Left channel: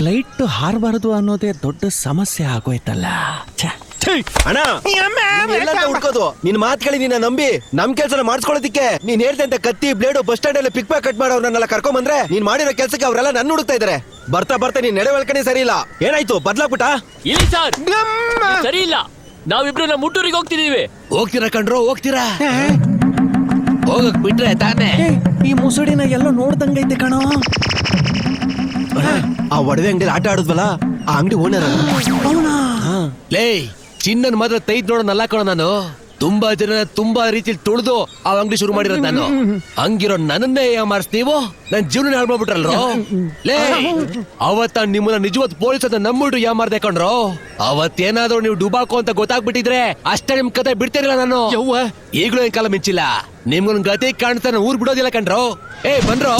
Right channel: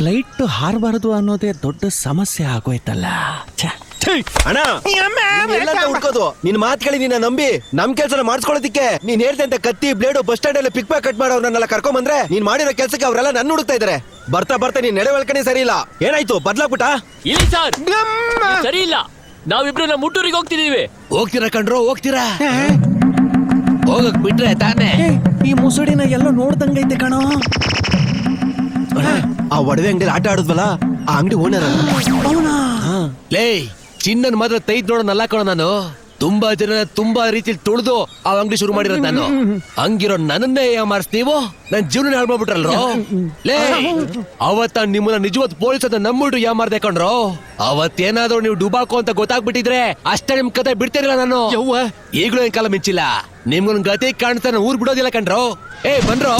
Flight ಹಾರಬಾರದು ಅನ್ನೋದೇ ದೊಡ್ಡ ಸಮಸ್ಯೆ ಆಗೋಯ್ತಲ್ಲ. ಅಣ್ಣ ಹುಡ್ಕೋದು ನಿನ್ ಮಾತುಗಳು ನೀನ ನಂಬಿ ನಮ್ ಕೆಲ್ಸ ಮಾಡಿಸ್ಕೊಳ್ಳೋದಿಕ್ಕೆ ನೀನ್ ಹೇಳ್ತಾ ಕತ್ತಿ ಬ್ಲೇಡು ಬಸ್ ಸ್ಟ್ಯಾಂಡ್ ಅಲ್ಲಿ ಪಿಕ್ ಕಟ್ ಮಾಡೋರ್ನೆಲ್ಲ ಕರ್ಕೊಂಡ್ ಬಂದ್ರೆ ನೀನ್ ಮಾಡಿರೋ ಕೆಲ್ಸಕ್ಕೆ ಅವರೆಲ್ಲ ನನ್ನ ಹುಡುಕ್ತಾ ಇದಾರೆ. ಬರ್ತಾ ಬರ್ತಾ ನೀನ್ ನಡವಳಿಕೆನೇ ಸರಿ ಇಲ್ಲ. ಏನಾಯ್ತು ಬದ್ಲಾಗ್ಬಿಟ್ಟ? ಇಲ್ಲ ಸರ್, ಸರಿ ಇಲ್ಲ. ನಾವಿಬ್ರು ಮುಟ್ಟೂರಿಗೆ ಹೋಗ್ತಿದೀವಿ. ಹೋಗ್ತೀರಾ ಕಣ್ರೋ, ಹೋಗ್ತೀರಾ? ಹೋಗಕ್ ಬಿಟ್ರೆ ತಾನೇ. ಈ ಮುಸುಡಿನ ಎಲ್ಲ ನೋಡ್ದಂಗೈತೆ ಕಣೋ. ಆ ಒಡವೆ ಅಂಗಡಿ ಆಟ ಆಡುದಲ್ಲ, ಆ ಅಂಗಡಿ ಓನರ್ ಚಿನ್ನನ್ ಮಾತ್ರ ತೈದ್ ನೋಡೋನಲ್ಲ ಕಣ ನಾನು. ತುಂಬಾ ಜನ ತುಂಬಾ ರೀತಿಯಲ್ಲಿ ತುಳಿದು ಆ ಅಂಗಡಿ ಶುರು ಮಾಡಿರೋದು ನಾನು. ಹಂಗಿರೋ ನನ್ನನ್ನೇ ಮಾರಿಸ್ತೀವೋ, ನನ್ ಜೀವನ ಹಾಳು ಮಾಡ್ಬಿಟ್ರಲ್ವ. ಅವತ್ತ ನಿಮ್ಮನ್ನ ನಿಜವಾದ ಪೊಲೀಸ್ ಅಂತ ನಮ್ಬಿಟ್ಟು ಯಾಮಾರ್ದೆ ಕಣ್ರು. ಅವತ್ತೇನಾದ್ರು ನೀವು ಡುಬಾಕೋ ಅಂತ ಗೊತ್ತಾಗ್ಬಿಟ್ಟಿದ್ರೆ ಅಷ್ಟೇ ನಿಮ್ ಕತೆ ಬಿಡ್ತಾರಿಲ್ಲ ನಾನು. ಈಗಲೂ ನನ್ ಕಾಲ ಮಿಂಚಿಲ್ಲ. ನಿಮ್ಗೊಂದ್ ಗತಿ ಕಾಣ್ತಾನೆ ಊರ್ ಬಿಡೋದಿಲ್ಲ ಕಣ್ರು. ಬನ್ರೋ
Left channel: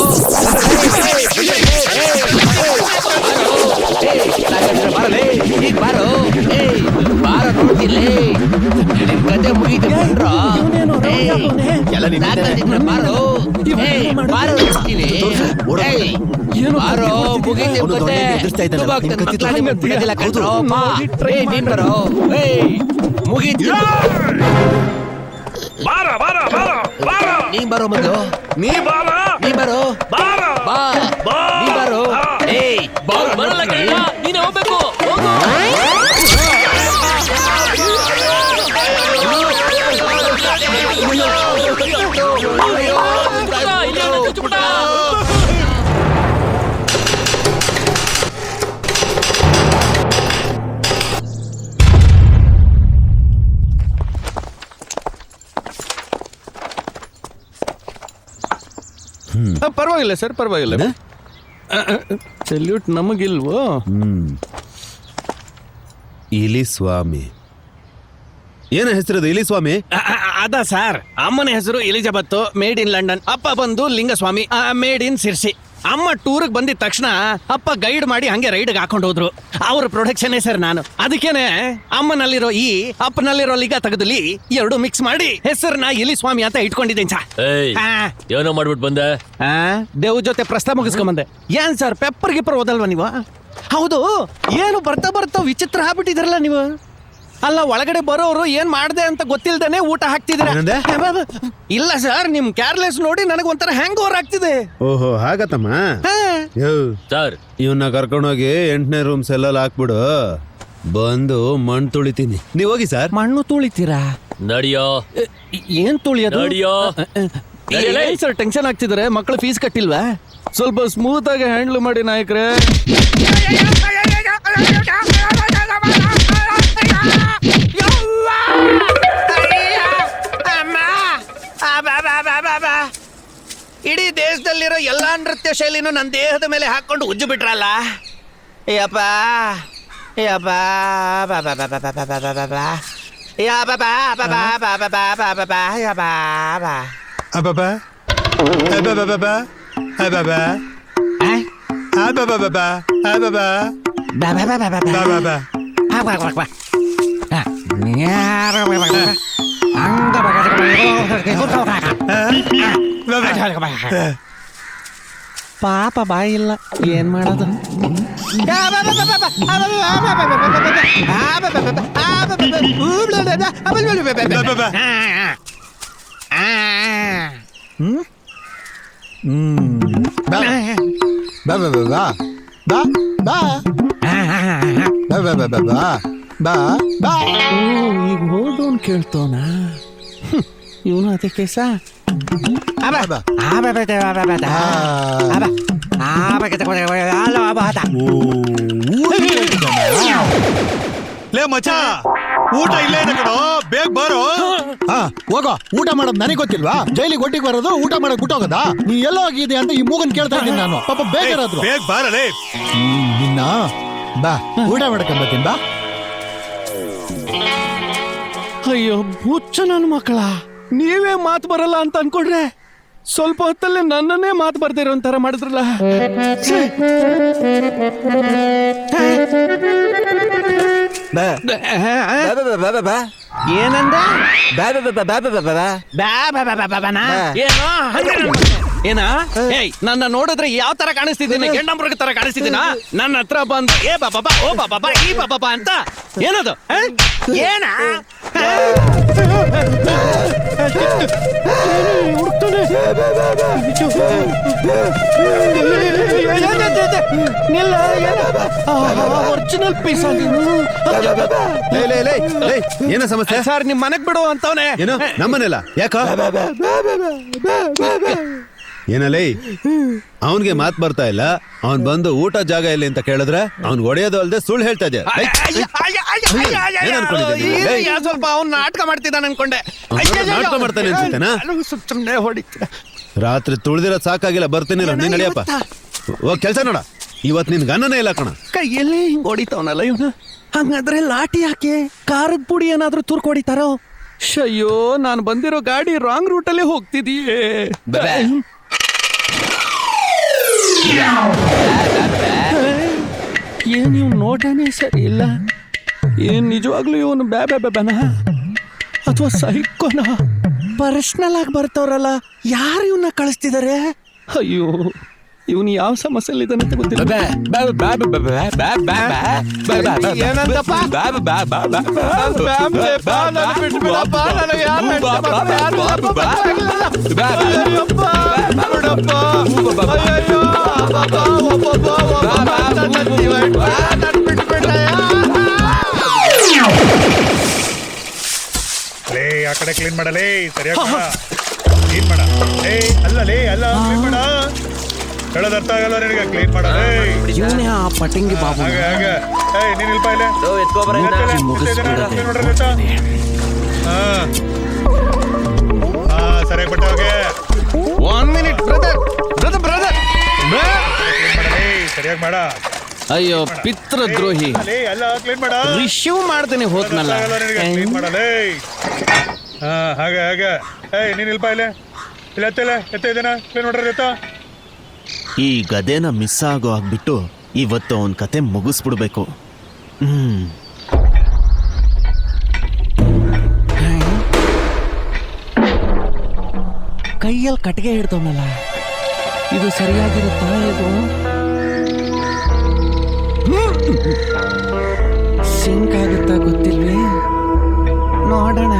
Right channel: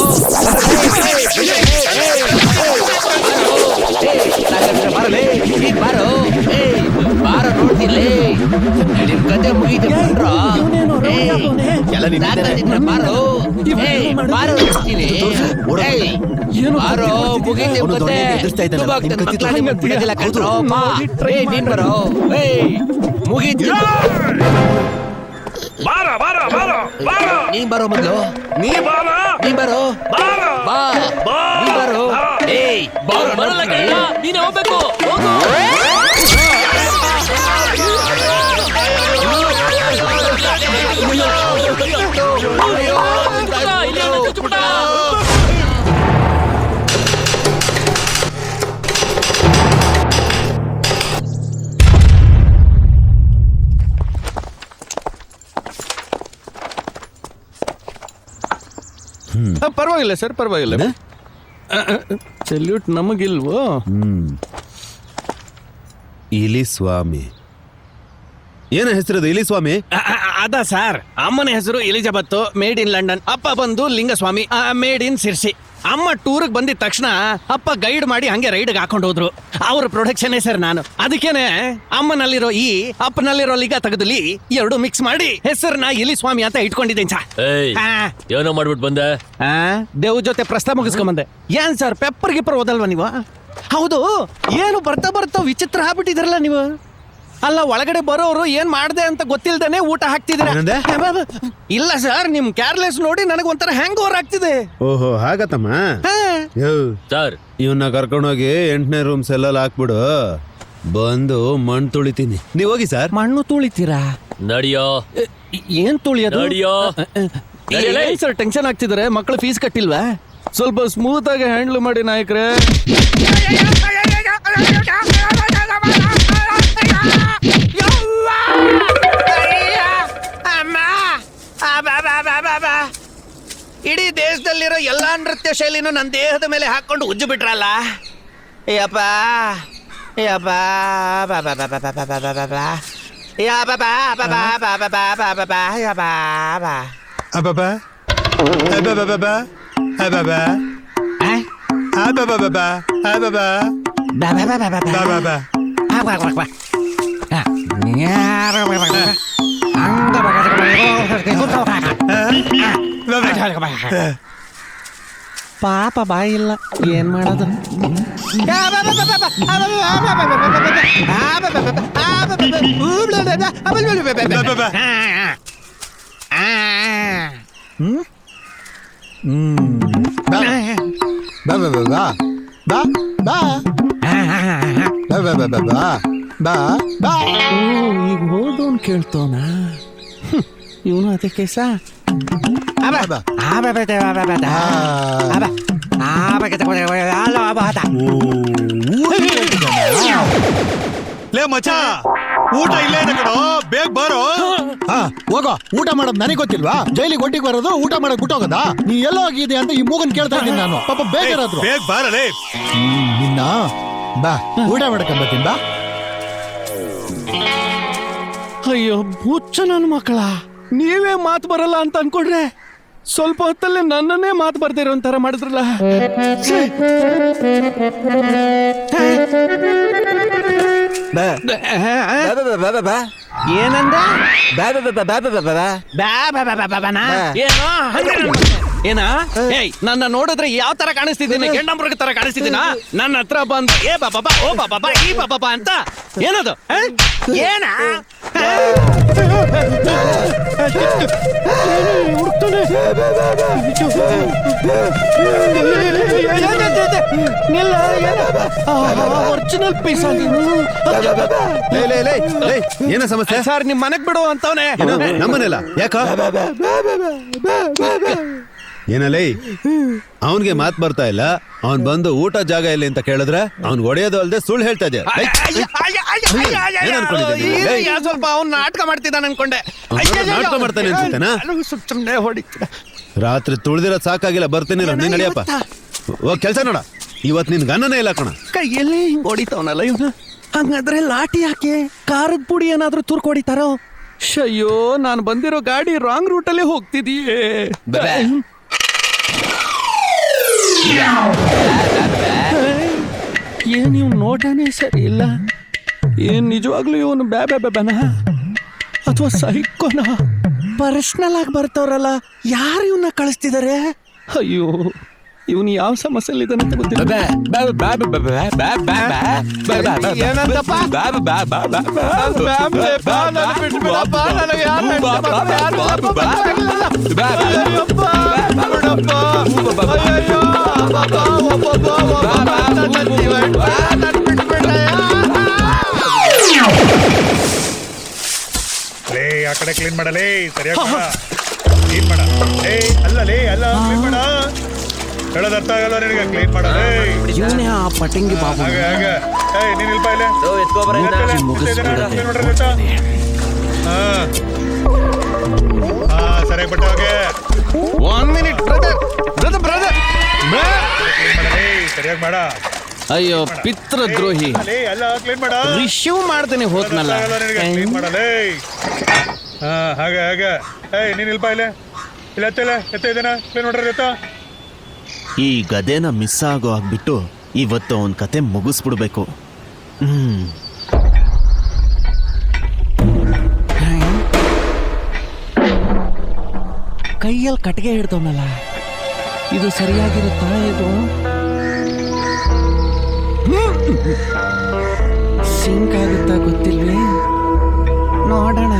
ನೀ ಬರೋ ಮಗ, ನೀ ಬರೋ ನೀನು ಹೋಗ್ಬೇಕು. ಪರವಾಗಿಲ್ಲ ಸರ್, ಪರವಾಗಿಲ್ಲ. ಸಲ್ಯೂಟ್ ನಮಗಿಲ್ವೋ? ಇಲಿ ಸ್ವಾಮಿ ಏನ ಹೆಸರು? ಇಲಿ ಸ್ವಾಮಿ ಅದ ಸರ್. ಅಮ್ಮನ ಹೆಸರು ಎಲಿಜಬೆತ್, ಮೇಡ್ ಇನ್ ಲಂಡನ್. ಅಪ್ಪ ಬಂದು ಲಿಂಗಸ್ವಾಮಿ, ಮೇಡ್ ಇನ್ ಶಿರ್ಸಿ. ಅಮ್ಮ ಟೂರ್ಗೆ ಬಂದಿದ ತಕ್ಷಣ ಅಪ್ಪ ಗೈಡ್ ಮಾಡಿ ಹಂಗೆ ರೈಡ್ಗೆ ಹಾಕೊಂಡು ಹೋದ್ರು. ಅವ್ರ ಪ್ರೊಡಕ್ಷನ್ ಸರ್ ನಾನು. ಅದಕ್ಕೇನೆ ಅಮ್ಮನಲ್ಲಿರೋ ಈ ಅಪ್ಪನಲ್ಲಿರೋ ಲಿಗ ತೆಗೆದಲ್ಲಿ ಎರಡು ಮಿಕ್ಸ್ ಮಾಡಿ ಹೆಸರನ್ನ ಎಲಿ ಸ್ವಾಮಿ ಅಂತ ಇಟ್ಕೊಂಡಿದ್ದೇನೆ ಸರ್. ಏನೋ ಮಾಡ್ಬಿಟ್ಟು ಬಂದೆ. ದೇವ್ ಜೊತೆ ಪ್ರಸ್ತಾಪ ಮುಗಿಸ್ಕೊಂಬಂದೆ. ಏನ್ ಸರ್ ಪೆಪ್ಪರ್ ಗಿಪ್ಪರ್ ಓದಲ್ವಾ ನೀವು? ಹೌದು, ಏನು ಬರ್ತಾ ಬರ್ತಾ ವಿಚಿತ್ರ ಆಗ್ಬಿಟ್ಟಿದ್ರಲ್ಲ ನೀವು. ಅಲ್ಲ, ಒಳಗಡೆ ಬರೋರು ಏನ್ ಮಾಡ್ದೆ ಅಂತ ಗೊತ್ತಿಲ್ದೇನೆ ಊಟ ಹಾಕ್ತಿದ್ರೆ. ಇಲ್ಲ ಸರ್, ನಿಮ್ ಕೇರ್ಲೆಸ್ ನೋಡಿ ನನಗೆ ಒಂಥರ ಹ್ಯಾಂಗ್ ಓವರ್ ಆಗ್ತಿದೆ. ಓಹೋ, ಹಾಗತ್ತಮ್ಮ. ಸರ್, ಇವನ್ನ ಕರ್ಕೊಂಡೋಗಿ 8ನೇ ರೂಮ್ಸ್ ಎಲ್ಲ ಹಾಕ್ಬಿಡು. ಬಂದು ಮಣ್ಣು ತುಳಿತೀನಿ. ನೀವ್ ಹೋಗಿ ಸರ್. ಮಣ್ಣು ತುಳಿತೀರಾ? ನಡಿಯೋ. ಏನ್ ತುಳಿಯೋದು? ನಡಿಯೋ ಸರ್, ಟೆನ್ಷನ್ ಆಗ್ತಿದ್ರೆ. ಮಕ್ಕಳು ಫೀಸ್ ಕಟ್ಟಿಲ್ವಾ? ಸ್ವಲ್ಪ ಸ್ಮೂತ್ ಆಗಿ ಹ್ಯಾಂಡ್ಲ್ ಮಾಡಿ ನಾಯಕ್ರೆ. ಇಡೀ ದೇಶದಲ್ಲಿರೋ ಎಲ್ಲಾ ನೃತ್ಯ ಶೈಲಿನೂ ನನ್ನ ದೇಹದ ಮೇಲೆ ಹಾಕೊಂಡು ಉಜ್ಜು ಬಿಟ್ರಲ್ಲ. ಪಾಪ ಬಾಯಿ ಇಲ್ಲ, ಏನ್ ಮಾಡೋದು? ಕೇಳ್ತವನ ಇವನು ಅದಕ್ಕೆ ಸಾ. ಲೇ ಮಚ್ಚ, ಊಟ ಇಲ್ಲೇ ಇದೆ ಕಣೋ, ಬೇಗ ಬಾರೋ. ಊಟ ಮಾಡೋದು ನನಗೆ ಗೊತ್ತಿಲ್ವಾ? ಜೈಲಿಗೆ ಒಟ್ಟಿಗೆ ಬರೋದು, ಊಟ ಮಾಡಕ್ ಬಿಟ್ಟು ಹೋಗೋದಾ? ನೀ ಎಲ್ಲ ಹೋಗಿದೆ ಅಂತ ಈ ಮೂಗನ್ ಕೇಳ್ತಿದ್ದೀನಿ ನಾನು. ಬೇಜಾರಾದ್ರು ಬೇಗ ಬಾರಲೇ. ನಿನ್ನ ಬಾ, ಊಟ ಮಾಡಕ್ಕೆ ಬರ್ತೀನಿ ಬಾ. ಅಯ್ಯೋ ಹುಚ್ಚು ನನ್ನ ಮಕ್ಕಳ, ನೀವೇ ಮಾತು ಬರಲ್ಲ ಅಂತ ಅನ್ಕೊಂಡ್ರೆ ಸ್ವಲ್ಪ ಹೊತ್ತಲ್ಲಿ ನನ್ನನ್ನೇ ಮಾತು ಬರ್ದೇ ಇರೋ ಒಂಥರ ಮಾಡಿದ್ರಲ್ಲ. ಏನಂದ ಬಾ ಬಾ ಬಾ ಬಾ ಬಾ ಬಾ ಬಾ. ಏನ ಏಯ್ ನನ್ನ ನೋಡಿದ್ರೆ ಯಾವ ತರ ಕಾಣಿಸ್ತಿದ್ದೇನೆ ಗೆಂಡಂಬ್ರಿಗೆ ತರ ಕಾಣಿಸ್ತಿದ್ದೀನ ನನ್ನ ಹತ್ರ ಬಂದ ಏ ಬಾಬಾ ಓ ಬಾಬಾ ಈ ಬಾಬಾ ಅಂತ ಏನದು ಏನ ಒರಿಜಿನಲ್ ಪೀಸ್ ಏನ ಸಮಸ್ಯೆ? ಸರ್ ನಿಮ್ ಮನೆಗ್ ಬಿಡು ಅಂತವನೇ ಏನು? ನಮ್ಮನೆಲ್ಲ ಯಾಕೋ ಏನಲ್ಲೇ ಅವನ್ಗೆ ಮಾತ್ ಬರ್ತಾ ಇಲ್ಲ. ಅವ್ನ್ ಬಂದು ಊಟ ಜಾಗ ಎಲ್ಲಿ ಅಂತ ಕೇಳಿದ್ರೆ ಅವ್ನ್ ಹೊಡೆಯೋದು ಅಲ್ದೆ ಸುಳ್ಳು ಹೇಳ್ತಾ ಇದ್ದೆ. ಸ್ವಲ್ಪ ಅವ್ನು ನಾಟಕ ಮಾಡ್ತಿದ್ದಾನೆ ಅನ್ಕೊಂಡೆ ನಾಟಕ ಮಾಡ್ತಾನೆ ಅನ್ಸುತ್ತೇನಾ? ಸುಮ್ಮನೆ ಹೊಡಿತ ರಾತ್ರಿ ತುಳಿದ್ರೆ ಸಾಕಾಗಿಲ್ಲ, ಬರ್ತೀನಿ ನೀನ್ ನಡಿಯಪ್ಪ. ಹೋಗ್ ಕೆಲ್ಸ ನೋಡ. ಇವತ್ ನಿನ್ ಗನ್ನನೇ ಇಲ್ಲ ಕಣ. ಕೈಯಲ್ಲಿ ಹೊಡಿತಾವನಲ್ಲ ಇವನು. ಹಂಗಾದ್ರೆ ಲಾಠಿ ಯಾಕೆ? ಖಾರದ ಪುಡಿ ಏನಾದ್ರೂ ತುರ್ಕು ಹೊಡಿತಾರೋ? ಅಯ್ಯೋ ನಾನು ಬಂದಿರೋ ಗಾಡಿ ರಾಂಗ್ ರೂಟಲ್ಲೇ ಹೋಗ್ತಿದೀಯೇ. ಏನ್ ಇವ್ ನೋಡೋಣ ಸರಿ ಇಲ್ಲ. ಏನ್ ನಿಜವಾಗ್ಲೂ ಇವನು ಬೇಬೆನ ಅಥವಾ ಸೈಕೋನ? ಪರ್ಸನಲ್ ಆಗಿ ಬರ್ತಾವ್ರಲ್ಲ, ಯಾರು ಇವನ್ನ ಕಳಿಸ್ತಿದಾರೆ? ಅಯ್ಯೋ ಇವನು ಯಾವ ಸಮಸ್ಯೆಲಿದ್ದಾನೆ ಅಂತ ಗೊತ್ತಿಲ್ಲ. ಆ ಕಡೆ ಕ್ಲೀನ್ ಮಾಡಲೇ ಸರಿಯಾಗಿ ಕ್ಲೀನ್ ಮಾಡ. ಅಲ್ಲಲೇ ಅಲ್ಲ ಕ್ಲೀನ್ ಮಾಡ. ಕಳೆದತ್ತ ಕ್ಲೀನ್ ಮಾಡಲೇ. ಇವನೇ ಆ ಪಟಂಗಿ ಬಾಬು. ಹಾಗೆ ಹಾಗೆ ನೀನ್ ಇಲ್ಪ ಇಲ್ಲೇ ಸರಿ ಬಟ್ಟವ್ರಿಗೆ ಒಂದ್ ಮಿನಿಟ್ ಬ್ರದರ್ ಸರಿಯಾಗಿ ಮಾಡ. ಅಯ್ಯೋ ಪಿತೃದ್ರೋಹಿ, ಅಲ್ಲ ಕ್ಲೀನ್ ಮಾಡ. ರಿಶೀವ್ ಮಾಡ್ತೀನಿ ಹೋದ್ನಲ್ಲ. ಕ್ಲೀನ್ ಮಾಡಲೇ. ಹಾಗೆ ಹಾಗೆ ನೀನ್ ಇಲ್ಪ ಇಲ್ಲೇ ಇಲ್ಲ ಎತ್ತ ಇದ್ದೇನೆ ಕ್ಲೀನ್ ಮಾಡ್ರಿ ಎತ್ತ. ಈ ಗದೆನ ಮಿಸ್ ಆಗೋ ಆಗ್ಬಿಟ್ಟು ಇವತ್ತು ಅವನ್ ಕತೆ ಮುಗಿಸ್ಬಿಡ್ಬೇಕು. ಕೈಯಲ್ಲಿ ಕಟ್ಟಿಗೆ ಹಿಡ್ದವನಲ್ಲ, ಇದು ಸರಿಯಾಗಿರುತ್ತ? ಸಿಂಕ್ ಆಗುತ್ತಾ ಗೊತ್ತಿಲ್ಲ, ನೋಡೋಣ.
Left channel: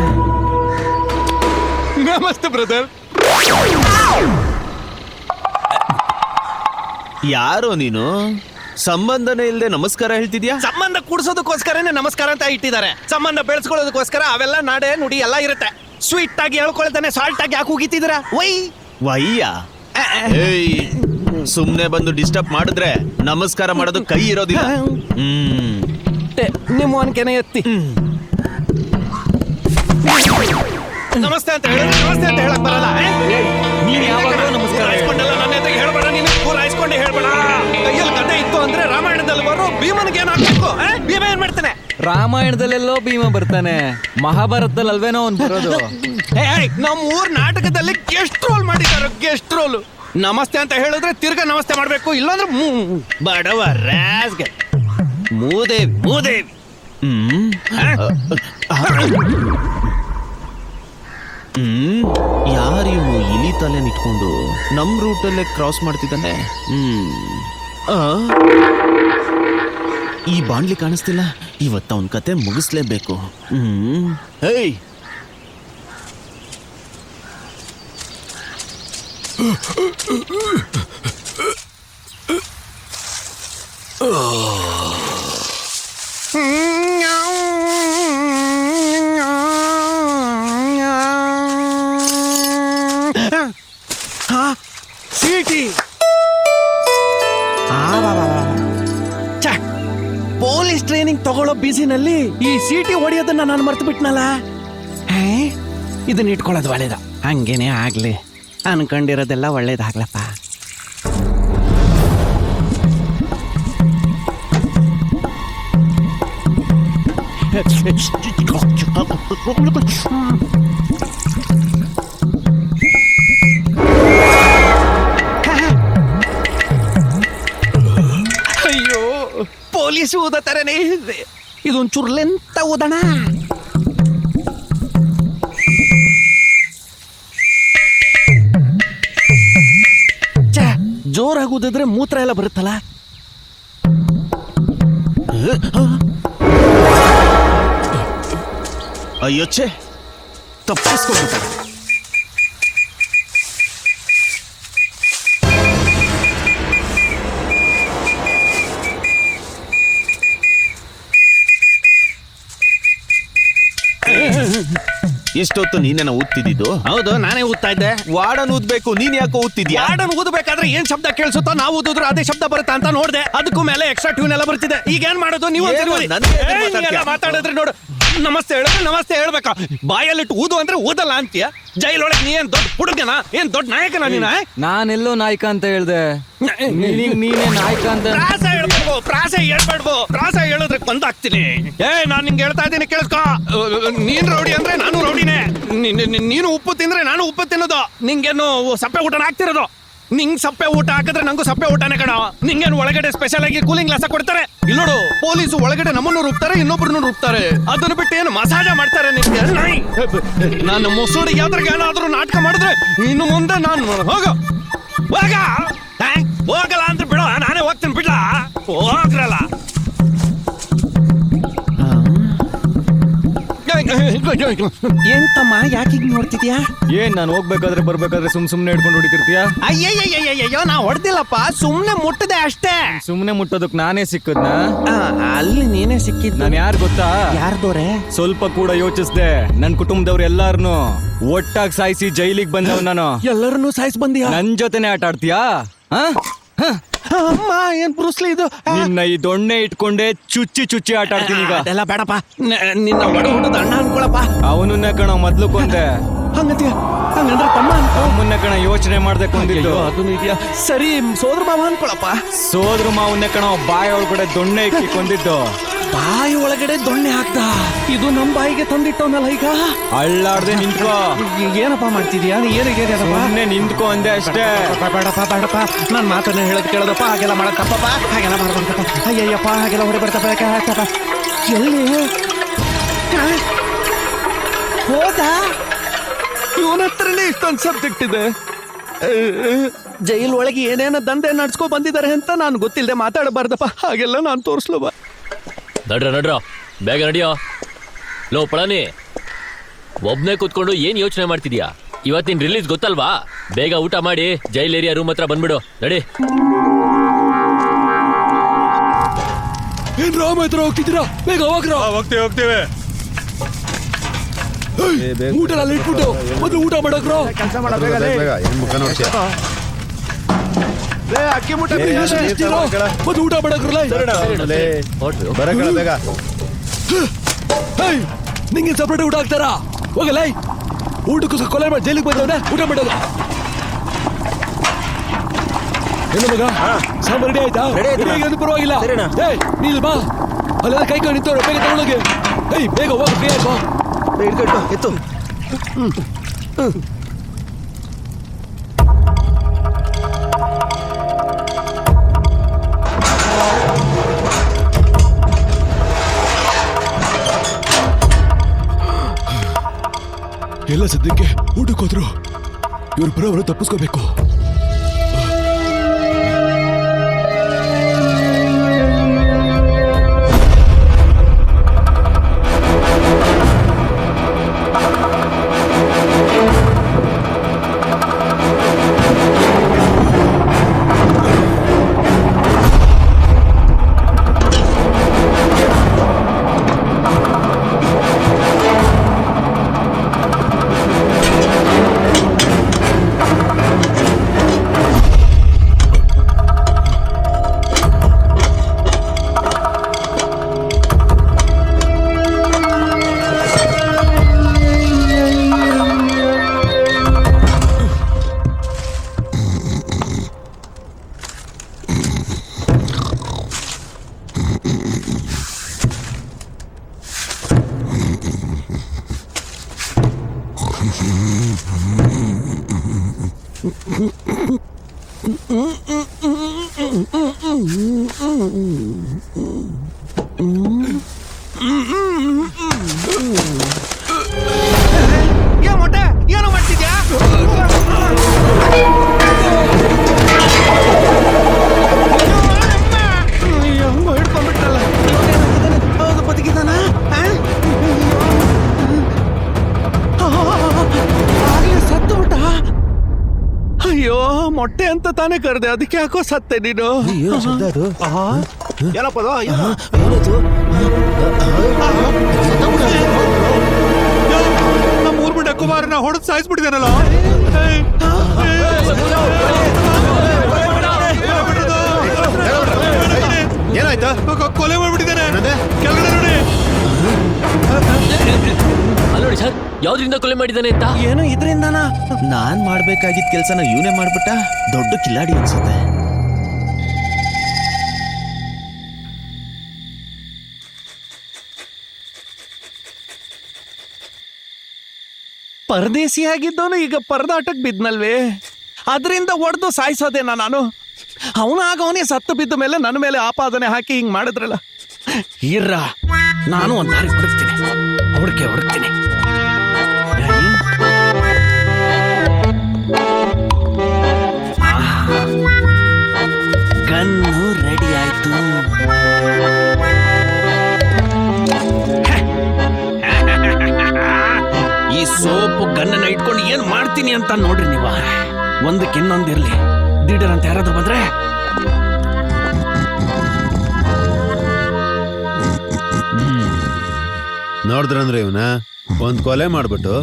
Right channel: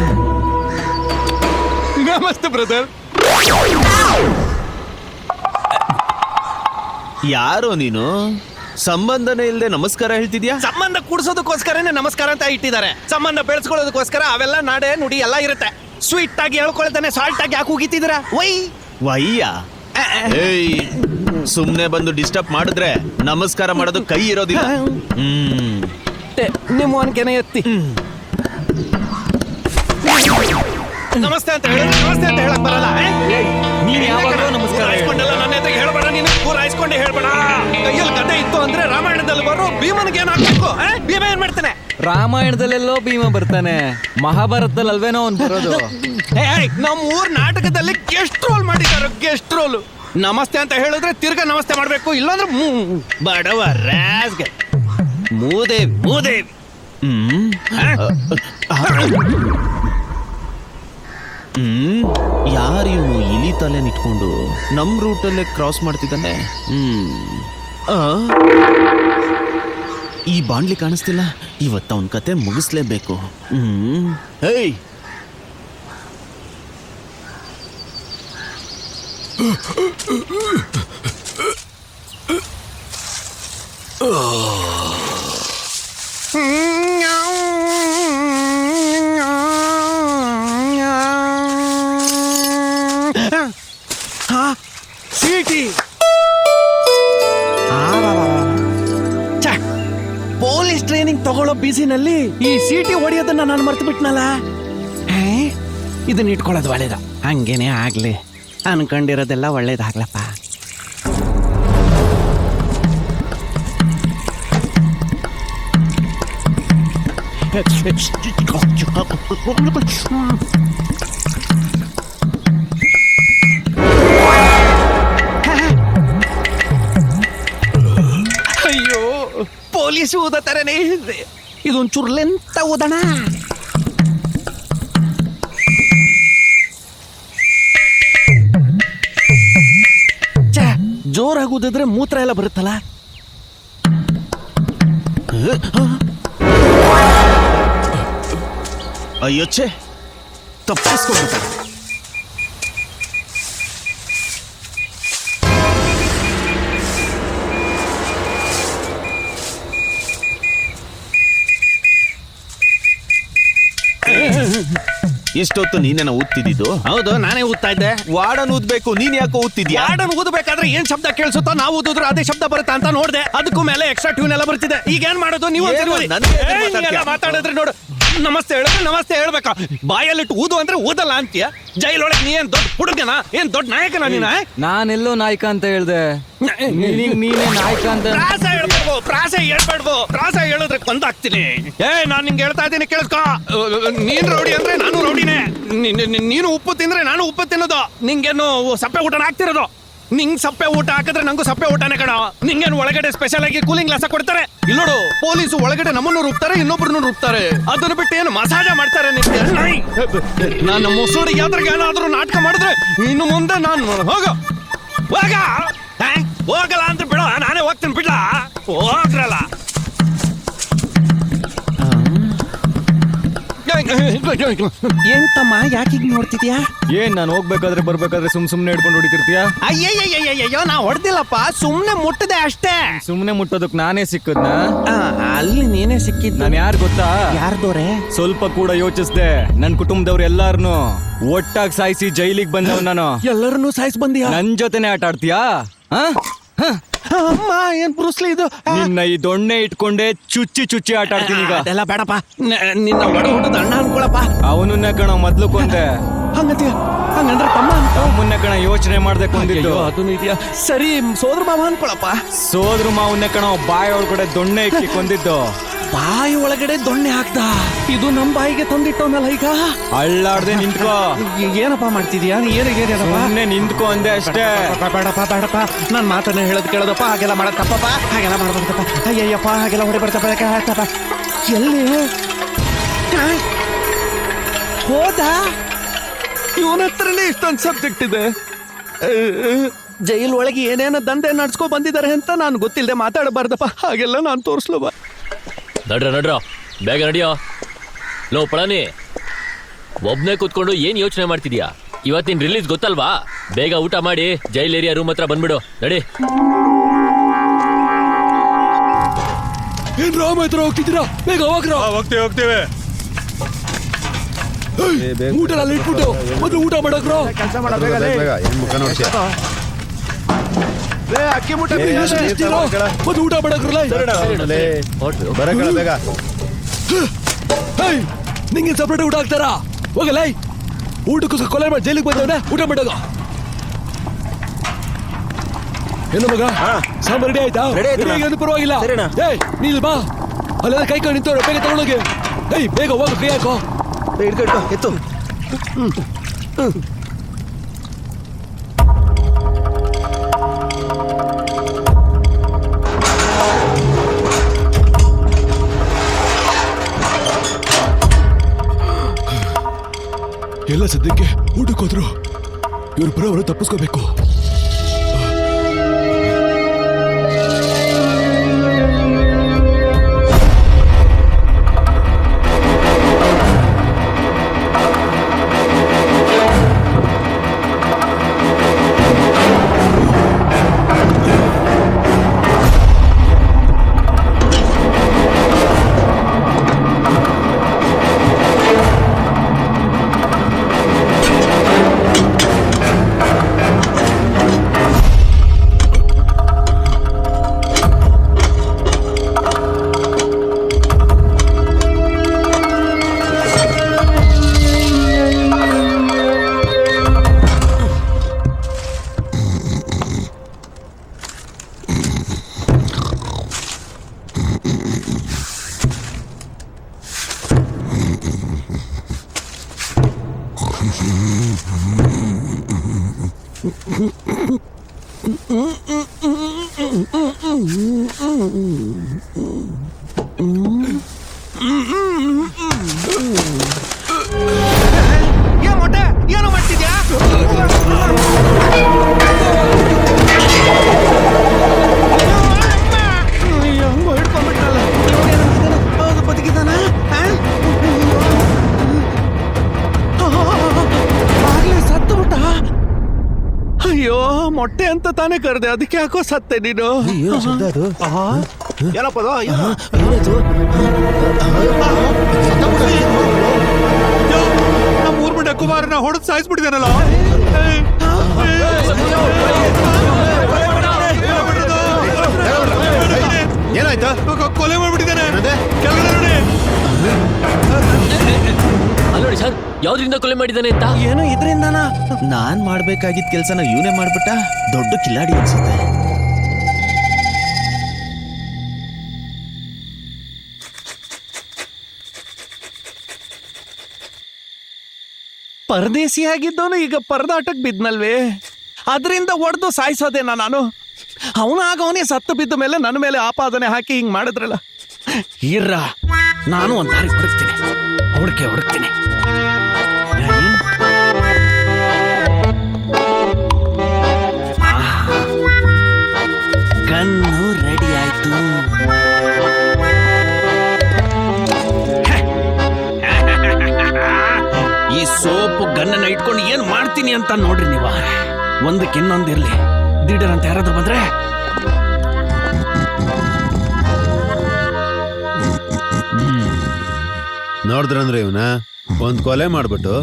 ಮಸ್ತ್ ಬ್ರದರ್. ಯಾರೋ ನೀನು? ಸಂಬಂಧನೇ ಇಲ್ಲದೆ ನಮಸ್ಕಾರ ಹೇಳ್ತಿದ್ಯಾ? ಸಂಬಂಧ ಕೂಡ್ಸೋದಕ್ಕೋಸ್ಕರನೇ ನಮಸ್ಕಾರ ಅಂತ ಇಟ್ಟಿದ್ದಾರೆ. ಸಂಬಂಧ ಬೆಳೆಸ್ಕೊಳ್ಳೋದಕ್ಕೋಸ್ಕರ ಅವೆಲ್ಲ ನಾಡೆ ನುಡಿ ಎಲ್ಲ ಇರುತ್ತೆ. ಸ್ವೀಟ್ ಆಗಿ ಹೇಳ್ಕೊಳ್ತಾನೆ, ಸಾಲ್ಟ್ ಆಗಿ ಯಾಕೆ ಹೋಗಿತ್ತಿದ್ದೀರಾ? ವಯ್ಯ ಏಯ್, ಸುಮ್ನೆ ಬಂದು ಡಿಸ್ಟರ್ಬ್ ಮಾಡಿದ್ರೆ ನಮಸ್ಕಾರ ಮಾಡೋದು ಕೈ ಇರೋದಿಲ್ಲ. ನಿಮ್ಮ ಒನ್ಕೆನೆ ಎತ್ತಿ ನಮಸ್ತೆ ಅಂತ ಹೇಳ, ನಮಸ್ತೆ ಅಂತ ಹೇಳಕ್ ಬರಲ್ಲ. ನೀನ್ ಯಾವಾಗಲೂ ನಮಸ್ಕಾರ ಹಾಯ್ಸ್ಕೊಂಡಲ್ಲ, ನನ್ನ ಎದುರಿಗೆ ಹೇಳ್ಬೇಡ, ನೀನು ಊರು ಹಾಯ್ಸ್ಕೊಂಡೆ ಹೇಳ್ಬೇಡ. ಕೈಯಲ್ಲಿ ಗಡ್ಡೆ ಇತ್ತು ಅಂದ್ರೆ ರಾಮಾಯಣದಲ್ಲಿ ಬರೋ ಭೀಮನಿಗೆ ಏನಾಗಬೇಕು? ಭೀಮ ಏನ್ ಮಾಡ್ತಾನೆ? ರಾಮಾಯಣದಲ್ಲೆಲ್ಲೋ ಭೀಮ ಬರ್ತಾನೆ, ಮಹಾಭಾರತದಲ್ವೇನೋ ಅವ್ನು ಬರೋದು. ನಮ್ಮ ಊರ್ ನಾಟಕದಲ್ಲಿ ಗೆಸ್ಟ್ ರೋಲ್ ಮಾಡಿದ್ದಾರೆ. Guest roll. ನಮಸ್ತೆ ಅಂತ ಹೇಳಿದ್ರೆ ತಿರ್ಗಾ ನಮಸ್ತೆ ಮಾಡ್ಬೇಕು, ಇಲ್ಲಾಂದ್ರೆ ಬಡವ ರಾಸ್ಗೆ ಮೂದೇವಿ. ಯಾರು ಇನಿ ತಲೆ ನಿಟ್ಕೊಂಡು ನಮ್ ರೂಟಲ್ಲೇ ಕ್ರಾಸ್ ಮಾಡ್ತಿದ್ದಾನೆ? ಈ ಬಾಂಡ್ಲಿ ಕಾಣಿಸ್ತಿಲ್ಲ, ಇವತ್ತು ಅವನ್ ಕತೆ ಮುಗಿಸ್ಲೇಬೇಕು. ಹೇಯ್, ಚೀಟಿ. ಪೊಲೀಸ್ ಟ್ರೈನಿಂಗ್ ತಗೊಳ್ಳೋ ಬಿಸಿನಲ್ಲಿ ಈ ಸೀಟಿ ಹೊಡೆಯೋದನ್ನ ನಾನು ಮರ್ತು ಬಿಟ್ನಲ್ಲ. ಇದನ್ನ ಇಟ್ಕೊಳ್ಳೋದು ಒಳ್ಳೇದ. ಹಂಗೇನೆ ಆಗ್ಲಿ, ಅನ್ಕೊಂಡಿರೋದೆಲ್ಲ ಒಳ್ಳೇದಾಗ್ಲಪ್ಪ. ಅಯ್ಯೋ, ಪೊಲೀಸ್ ಊದ ತರನೇ ಇದೆ. ಇದೊಂಚೂರು ಲೆಂತ ಊದಣ. ಜೋರಾಗಿ ಊದಿದ್ರೆ ಮೂತ್ರ ಎಲ್ಲ ಬರುತ್ತಲ್ಲ. ಅಯ್ಯೋಚ್ಚೆ ತಪ್ಪಿಸ್ಕೊಂಡು ಎಷ್ಟೊತ್ತು ನೀನೇನ ಓದ್ತಿದ್ದು? ಹೌದು, ನಾನೇ ಊದ್ತಾ ಇದ್ದೆ. ವಾಡನ್ ಓದ್ಬೇಕು, ನೀನ್ ಯಾಕೆ ಓದ್ತಿದ್ಯಾ? ಹಾಡನ್ನು ಓದಬೇಕಾದ್ರೆ ಏನ್ ಶಬ್ದ ಕೇಳಿಸುತ್ತಾ, ನಾವು ಓದಿದ್ರೆ ಅದೇ ಶಬ್ದ ಬರುತ್ತೆ ಅಂತ ನೋಡಿದೆ. ಅದಕ್ಕೂ ಮೇಲೆ ಎಕ್ಸ್ಟ್ರಾ ಟ್ಯೂನ್ ಎಲ್ಲ ಬರ್ತಿದೆ. ಈಗ ಏನ್ ಮಾಡೋದು ನೀವು? ಏನು? ನನ್ನ ಎದುರು ಮಾತಾಡ್ತೀಯ? ಮಾತಾಡಿದ್ರೆ ನೋಡು, ನಮಸ್ತೆ ಹೇಳೋದು ನಮಸ್ತೆ ಹೇಳ್ಬೇಕಾ? ಬಾಯಲ್ಲಿಟ್ಟು ಓದು ಅಂದ್ರೆ ಓದಲ್ಲ ಅಂತೀಯ? ಜೈಲೊಳಗೆ ನೀ ಏನ್ ದೊಡ್ಡ ಹುಡುಗನ, ಏನ್ ದೊಡ್ಡ ನಾಯಕನ ನೀನೆ? ನಾನೆಲ್ಲೋ ನಾಯಕ ಅಂತ ಹೇಳ್ದೆ, ನೀನೇ ನಾಯಕ ಅಂತ. ಪ್ರಾಸ ಹೇಳ್ಬೇಡ್ದು, ಪ್ರಾಸ ಹೇಳಿದ್ರೆ ಬಂದಾಗ್ತೀನಿ. ನಾನ್ ನಿಂಗೆ ಹೇಳ್ತಾ ಇದ್ದೇನೆ ಕೇಳಿಸ್ಕೊ. ನೀನ್ ರೌಡಿ ಅಂದ್ರೆ ನಾನು ರೌಡಿನೇ. ನೀನು ಉಪ್ಪು ತಿಂದ್ರೆ ನಾನು ಉಪ್ಪು ತಿನ್ನೋದು. ನಿಂಗೇನು ಸಪ್ಪೆ ಊಟನ ಹಾಕ್ತಿರೋದು? ನಿಂಗ್ ಸಪ್ಪೆ ಊಟ ಹಾಕಿದ್ರೆ ನಂಗೂ ಸಪ್ಪೆ ಊಟನೇ ಕಣ. ನಿಂಗೇನು ಒಳಗಡೆ ಸ್ಪೆಷಲ್ ಆಗಿ ಕೂಲಿಂಗ್ ಗ್ಲಾಸ ಕೊಡ್ತಾರೆ? ಇಲ್ಲಿ ನೋಡು, ಪೊಲೀಸು ಒಳಗಡೆ ನಮ್ಮನ್ನು ರುಬ್ತಾರೆ, ಇನ್ನೊಬ್ಬರನ್ನು ರುಬ್ತಾರೆ. ಅದರ ಬಿಟ್ಟು ಏನು ಮಸಾಜ ಮಾಡ್ತಾರೆ ನಿನ್ಗೆ? ನಾನು ಮೊಸರು ಯಾವ್ದ್ರಿಗೆ ಏನಾದ್ರೂ ನಾಟಕ ಮಾಡಿದ್ರೆ ಇನ್ನು ಮುಂದೆ ನಾನು ಹೋಗ ಹೋಗಲ್ಲ ಅಂತ ಬಿಡು, ನಾನೇ ಹೋಗ್ತೀನಿ ಬಿಡ್ಲ. ಹೋಗ್ರಲ್ಲ. ಎಂತಮ್ಮ ಯಾಕೆ ನೋಡ್ತಿದ್ಯಾ? ಏನ್ ನಾನು ಹೋಗ್ಬೇಕಾದ್ರೆ ಬರ್ಬೇಕಾದ್ರೆ ಸುಮ್ನೆ ಹಿಡ್ಕೊಂಡು ಹೊಡಿತಿರ್ತೀಯ? ಅಯ್ಯಯ್ಯೋ, ನಾ ಹೊಡ್ತಿಲ್ಲಪ್ಪ, ಸುಮ್ನೆ ಮುಟ್ಟದೆ ಅಷ್ಟೇ. ಸುಮ್ನೆ ಮುಟ್ಟೋದಕ್ ನಾನೇ ಸಿಕ್ಕದ? ಅಲ್ಲಿ ನೀನೇ ಸಿಕ್ಕಿದ್. ನಾನು ಯಾರು ಗೊತ್ತಾ? ಯಾರ್ದೋರೆ? ಸ್ವಲ್ಪ ಕೂಡ ಯೋಚಿಸ್ದೆ. ನನ್ ಕುಟುಂಬದವ್ರು ಎಲ್ಲಾರನು ಒಟ್ಟಾಗಿ ಸಾಯಿಸಿ ಜೈಲಿಗೆ ಬಂದವ್ ನಾನು. ಎಲ್ಲರನ್ನೂ ಸಾಯಿಸ್ ಬಂದಿಯಾ? ನನ್ ಜೊತೆನೆ ಆಟ ಆಡ್ತೀಯಾ? ಅಮ್ಮ, ಏನ್ ಬ್ರೂಸ್ಲಿ ಇದು? ನಿನ್ನ ಈ ದೊಣ್ಣೆ ಇಟ್ಕೊಂಡೆ ಚುಚ್ಚಿ ಚುಚ್ಚಿ ಆಟ ಆಡ್ತೀನಿ ಈಗ. ಅದೆಲ್ಲ ಬೇಡಪ್ಪ, ನಿನ್ನ ಒಡ ಹುಟ್ಟದ ಅಣ್ಣ ಅನ್ಕೊಳಪ್ಪ. ಅವನನ್ನ ಕಣ ಮೊದ್ಲು ಕೊಂದೆ. ಹಂಗಂದ್ರೆ ತಮ್ಮ ಅವನ್ನ ಕಣ ಯೋಚನೆ ಮಾಡ್ದೆ ಕೊಂದಿದ್ದು. ಅದನ್ನು ಇದೆಯಾ? ಸರಿ, ಸೋದರ ಮಾವ ಅನ್ಕೊಳಪ್ಪ. ಸೋದ್ರ ಮಾವನ್ನ ಕಣ ಬಾಯಿ ಒಳಗಡೆ ದೊಣ್ಣೆ ಇಕ್ಕಿ ಕೊಂದಿದ್ದು. ಬಾಯಿ ಒಳಗಡೆ ದೊಣ್ಣೆ ಹಾಕ್ತ? ಇದು ನಮ್ ಬಾಯಿಗೆ ತಂದಿಟ್ಟವನಲ್ಲ ಈಗ. ಅಳ್ಳಾಡ್ದೆ ನಿಂತ್ಕೋ. ಏನಪ್ಪ ಮಾಡ್ತಿದ್ಯಾ? ಏನಿದೆ? ಮೊನ್ನೆ ನಿಂತ್ಕೋ ಅಂದೆ ಅಷ್ಟೇ. ಬೇಡಪ್ಪ, ನಾನ್ ಮಾತನ್ನ ಹೇಳದ್ ಕೇಳದಪ್ಪ. ಹಾಗೆಲ್ಲ ಮಾಡಕ್ಕಪ್ಪ, ಹಾಗೆಲ್ಲ ಮಾಡ್ಬೇಕಪ್ಪ. ಅಯ್ಯಯ್ಯಪ್ಪ, ಹಾಗೆಲ್ಲ ಹೊಡಿಬರ್ತಪ್ಪ. ಎಲ್ಲಿ ಹೌದಾ? ಇವನ ಹತ್ರನೇ ಇಷ್ಟೊಂದು ಸಬ್ಜೆಕ್ಟ್ ಇದೆ. ಜೈಲ್ ಒಳಗೆ ಏನೇನೋ ದಂಧೆ ನಡ್ಸ್ಕೊ ಬಂದಿದ್ದಾರೆ ಅಂತ ನಾನು ಗೊತ್ತಿಲ್ಲದೆ ಮಾತಾಡಬಾರ್ದಪ್ಪ. ಹಾಗೆಲ್ಲ ನಾನು ತೋರಿಸ್ಲು ಬಾ. ನಡ್ರ ಬೇಗ ನಡಿಯೋ. ಲೋ ಪಳನಿ, ಒಬ್ನೇ ಕೂತ್ಕೊಂಡು ಏನ್ ಯೋಚನೆ ಮಾಡ್ತಿದ್ಯಾ? ಇವತ್ತಿನ ರಿಲೀಸ್ ಗೊತ್ತಲ್ವಾ? ಬೇಗ ಊಟ ಮಾಡಿ ಜೈಲ್ ಏರಿಯಾ ರೂಮ್ ಹತ್ರ ಬಂದ್ಬಿಡು. ನಡಿ. ಹೋಗ್ತಿದ್ದೀರಾ? ಬೇಗ ಹೋಗ್ರು. ಹೋಗ್ತೀವಿ. ಊಟ ಇಟ್ಬಿಟ್ಟು ಮೊದಲು ಊಟ ಮಾಡೋದ್ರೆ ಅಕ್ಕಿ ಮುಟ್ಟ ಮೊದಲು ಊಟ ಮಾಡೋದ್ರಲ್ಲ. ನಿಂಗೆ ಸಪ್ರೇಟ್ ಊಟ ಹಾಕ್ತಾರಾ? ಹೋಗಿಲ್ಲ, ಊಟಕ್ಕೆ ಕೊಲೆ ಮಾಡಿ ಜೈಲಿಗೆ ಬಂದವನ ಊಟ ಮಾಡೋದು. ಪರವಾಗಿಲ್ಲ, ನೀನು ಬಾ. ಕೈ ಕಾಣಿತ್ತು, ಬೇಗ ತಗೊಳಗೆ. ಬೇಗ ಹೋಗಿ ಫ್ರೀ ಆಯ್ತು. ಎತ್ತು. ಇಲ್ಲ, ಸದ್ಯಕ್ಕೆ ಊಟಕ್ಕೋದ್ರು ಇವ್ರು ಬರೋರು ತಪ್ಪಿಸ್ಕೋಬೇಕು. ಏನು ಮಾಡ್ತಿದ್ಯಾ? ಮೊಟ್ಟೆ ಅಂತ ತಾನೇ ಕರೆದೆ, ಅದಕ್ಕೆ ಯಾಕೋ ಸತ್ತೆ ನೀನು. ಏನಪ್ಪ ಅದು? ಕುಮಾರನ ಹೊಡೆದು ಸಾಯಿಸ್ಬಿಟ್ಟಿದಾನಲ್ಲ. ಏನಾಯ್ತು? ಕೊಲೆ ಮಾಡ್ಬಿಟ್ಟಿದ್ದಾನೆ. ಕೆಳಗಡೆ ನೋಡಿ. ಅಲ್ಲ ನೋಡಿ ಸರ್, ಯಾವ್ದ್ರಿಂದ ಕೊಲೆ ಮಾಡಿದಾನೆ ಅಂತ. ಏನೋ ಇದ್ರಿಂದಾನ. ನಾನ್ ಮಾಡ್ಬೇಕಾಗಿದ್ದ ಕೆಲ್ಸನ ಇವನೇ ಮಾಡ್ಬಿಟ್ಟ. ದೊಡ್ಡ ಕಿಲಾಡಿ ಅನ್ಸುತ್ತೆ. ಪರದೇಸಿ ಆಗಿದ್ದವನು ಈಗ ಪರದಾಟಕ್ ಬಿದ್ನಲ್ವೇ, ಅದರಿಂದ ಹೊಡೆದು ಸಾಯಿಸೋದೇನ ನಾನು. ಅವನಾಗ ಅವನೇ ಸತ್ತು ಬಿದ್ದ ಮೇಲೆ ನನ್ನ ಮೇಲೆ ಆಪಾದನೆ ಹಾಕಿ ಹಿಂಗ್ ಮಾಡಿದ್ರಲ್ಲ. ಇರ್ರ, ನಾನು ಒಂದು ದಾರಿ ಹುಡುಕ್ತೀನಿ, ಹುಡುಕ್ತೀನಿ. ಗನ್ನು ರೆಡಿ ಆಯ್ತು. ಈ ಸೋಪು ಗನ್ನನ್ನ ಇಟ್ಕೊಂಡು ಏನ್ ಮಾಡ್ತೀನಿ ಅಂತ ನೋಡ್ರಿ ನೀವು. ಒಂದಕ್ಕೆ ಇನ್ನೊಂದಿರ್ಲಿ, ದಿಢೀರಂತ ಯಾರಾದ್ರೂ ಬಂದ್ರೆ ನೋಡಿದ್ರಂದ್ರೆ ಇವನ ಒಂದ್ ಕೊಲೆ ಮಾಡ್ಬಿಟ್ಟು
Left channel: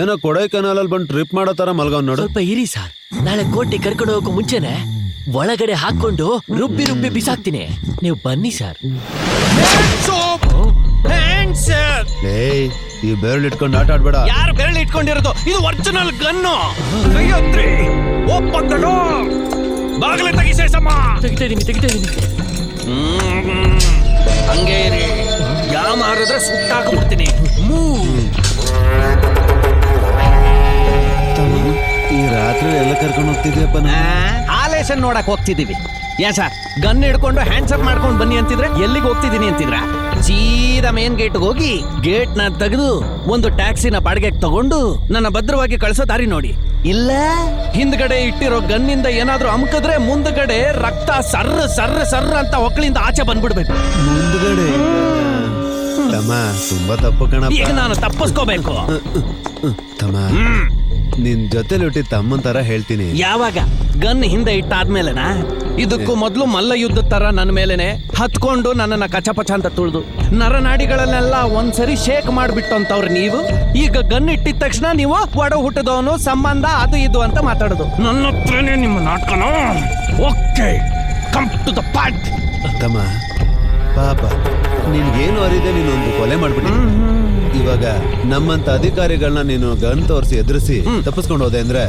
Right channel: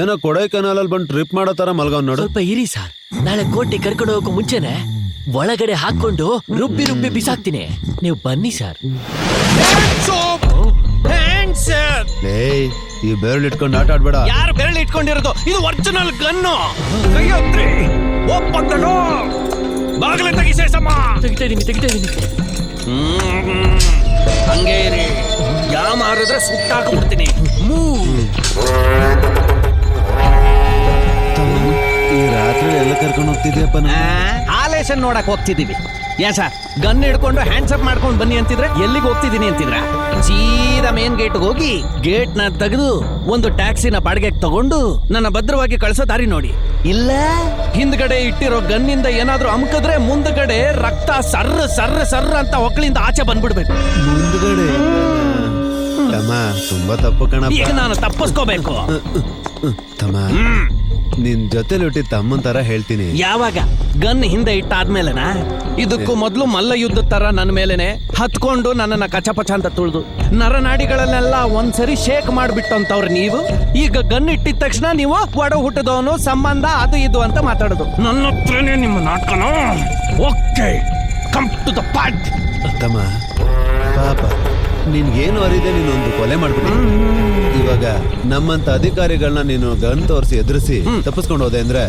ಏನೋ ಕೊಡೈಕನಾಲಲ್ಲಿ ಬಂದು ಟ್ರಿಪ್ ಮಾಡೋ ತರ ಮಲ್ಗವ್ ನೋಡು. ಸ್ವಲ್ಪ ಇರಿ ಸರ್, ನಾಳೆ ಕೋಟೆ ಕರ್ಕೊಂಡು ಹೋಗೋ ಮುಂಚೆನೆ ಒಳಗಡೆ ಹಾಕೊಂಡು ರುಬ್ಬಿ ಬಿಸಾಕ್ತೀನಿ. ನೀವು ಬನ್ನಿ ಸರ್. ಈ ಬೇರೆ ಇಟ್ಕೊಂಡು ಆಟ ಆಡ್ಬೇಡ. ಯಾರು ಬೇಳೆ ಇಟ್ಕೊಂಡಿರೋದು? ಇದು ಒರಿಜಿನಲ್ ಗನ್ನು. ಬಾಗಿಲ ತೆಗಿಸಮ್ಮ. ಹಂಗೆ ಯಾವ ಮಾರಿದ್ರೆ ಸುಟ್ಟಾಕ್ಬಿಡ್ತೀನಿ. ಈ ರಾತ್ರಿ ಎಲ್ಲ ಕರ್ಕೊಂಡು ಹೋಗ್ತಿದ್ಯಪ್ಪ. ಆಲೇಶನ್ ನೋಡಕ್ ಹೋಗ್ತಿದೀವಿ. ಏನ್ ಸರ್, ಗನ್ ಹಿಡ್ಕೊಂಡು ಹ್ಯಾಂಡ್ಸಪ್ ಮಾಡ್ಕೊಂಡು ಬನ್ನಿ ಅಂತಿದ್ರೆ ಎಲ್ಲಿಗೆ ಹೋಗ್ತಿದೀನಿ ಅಂತಿದ್ರ? ಸೀದಾ ಮೇನ್ ಗೇಟ್ ಹೋಗಿ ಗೇಟ್ ನ ತೆಗೆದು ಒಂದು ಟ್ಯಾಕ್ಸಿನ ಬಾಡಿಗೆಗೆ ತಗೊಂಡು ನನ್ನ ಭದ್ರವಾಗಿ ಕಳ್ಸೋ ದಾರಿ ನೋಡಿ. ಇಲ್ಲ ಹಿಂದ್ಗಡೆ ಇಟ್ಟಿರೋ ಗನ್ನಿಂದ ಏನಾದ್ರೂ ಅಮ್ಕದ್ರೆ ಮುಂದ್ಗಡೆ ರಕ್ತ ಸರ್ರ ಸರ್ರ ಸರ್ರ ಅಂತ ಒಕ್ಕಳಿಂದ ಆಚೆ ಬಂದ್ಬಿಡ್ಬೇಕು. ಮುಂದ್ಗಡೆ ತುಂಬಾ ತಪ್ಪು ಕಣಪ್ಪ. ಈಗ ನಾನು ತಪ್ಪಿಸ್ಕೋಬೇಕು. ತಮ್ಮ ನಿನ್ ಜೊತೆಲಿ ಹುಟ್ಟಿದ ತಮ್ಮನ್ ತರ ಹೇಳ್ತೀನಿ. ಯಾವಾಗ ಗನ್ ಹಿಂದೆ ಇಟ್ಟಾದ್ಮೇಲೆನಾ? ಇದಕ್ಕೂ ಮೊದಲು ಮಲ್ಲ ಯುದ್ಧ ತರ ನನ್ನ ಮೇಲೆನೆ ಹತ್ಕೊಂಡು ನನ್ನನ್ನ ಕಚಪಚ ಅಂತ ತೊಳೆದು ನರನಾಡಿಗಳನ್ನೆಲ್ಲ ಒಂದ್ಸರಿ ಶೇಕ್ ಮಾಡ್ಬಿಟ್ಟಂತವ್ರ ನೀವು. ಈಗ ಗನ್ ಇಟ್ಟಿದ ತಕ್ಷಣ ನೀವು ಒಡ ಹುಟ್ಟದವನು ಸಂಬಂಧ ಅದು ಇದು ಅಂತ ಮಾತಾಡೋದು. ನನ್ನ ಹತ್ರನೇ ನಿಮ್ಮ ನಾಟಕನೇ. Okay, come to the point. ತಮ್ಮ ಪಾಪ ನಿನ್ಗೇನು ಅರಿದೆ, ನೀನೊಂದು ಕೊಲೆ ಮಾಡ್ಬಿಟ್ಟು ಇವಾಗ ನಮ್ಮಂತ ಅಧಿಕಾರಿಗಳನ್ನ ನೀನು ಗನ್ ತೋರಿಸಿ ಎದುರಿಸಿ ತಪ್ಪಿಸ್ಕೊಂಡು ಹೋದೆ ಅಂದ್ರೆ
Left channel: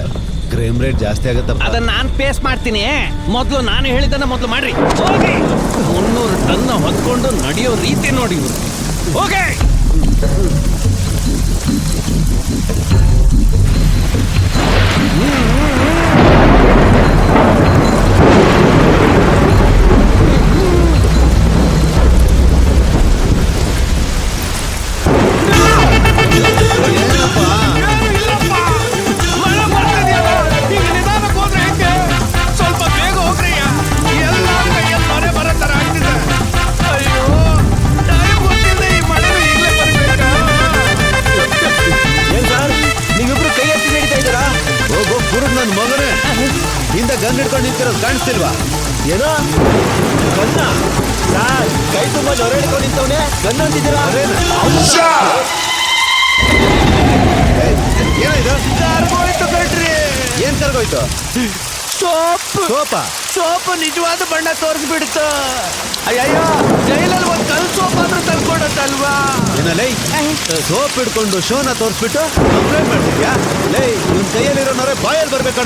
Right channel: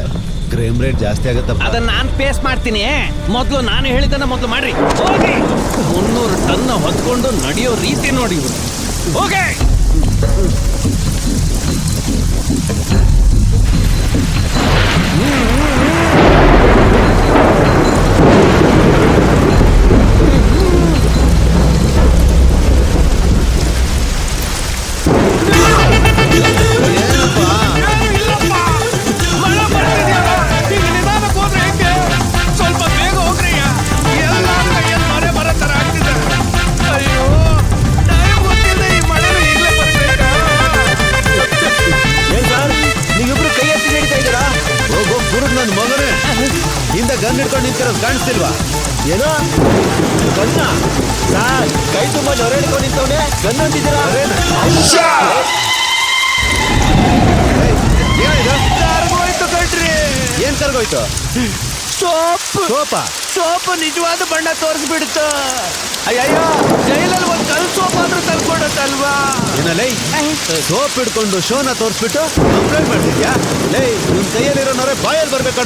ಕ್ರೈಮ್ ರೇಟ್ ಜಾಸ್ತಿ ಆಗತ್ತಪ್ಪ. ಅದನ್ನ ನಾನು ಫೇಸ್ ಮಾಡ್ತೀನಿ. ಮೊದಲು ನಾನು ಹೇಳಿದ್ದನ್ನ ಮೊದಲು ಮಾಡ್ರಿ. ಹೋಗ್ರಿ, ತನ್ನ ಹೊತ್ಕೊಂಡು ನಡೆಯೋ ರೀತಿ ನೋಡಿ. ಹೋಗಿ ಗನ್ ಹಿಡ್ಕೊಂಡು ನಿಂತ ಕಾಣಿಸ್ತಿಲ್ವಾ? ಕೈ ತುಂಬ ನೊರೆ ಹಿಡ್ಕೊಂಡಿರ್ತಾನೆ. ಗನ್ ಹಿಡ್ದಿದ್ದೀರಾ? ಏನ್ ಕರ್ಗೋಯ್ತು? ಸೋಪು ನಿಜವಾದ ಬಣ್ಣ ತೋರಿಸ್ಬಿಡುತ್ತ. ಜೈಲಲ್ಲಿ ಒಂದು ಕಲ್ ಸೋಪ್ ಆದ್ರೂ ತಂದ್ಕೊಡತ್ತಲ್ವಾ? ಸೋಪ್ ಹಿಡ್ಕೊಂಡು ಶೋನ ತೋರಿಸ್ಬಿಟ್ಟು ನಿನ್ ಕೈಯಲ್ಲಿರೋ ನೊರೆ ಬಾಯಲ್ಲಿ ಬರ್ಬೇಕು.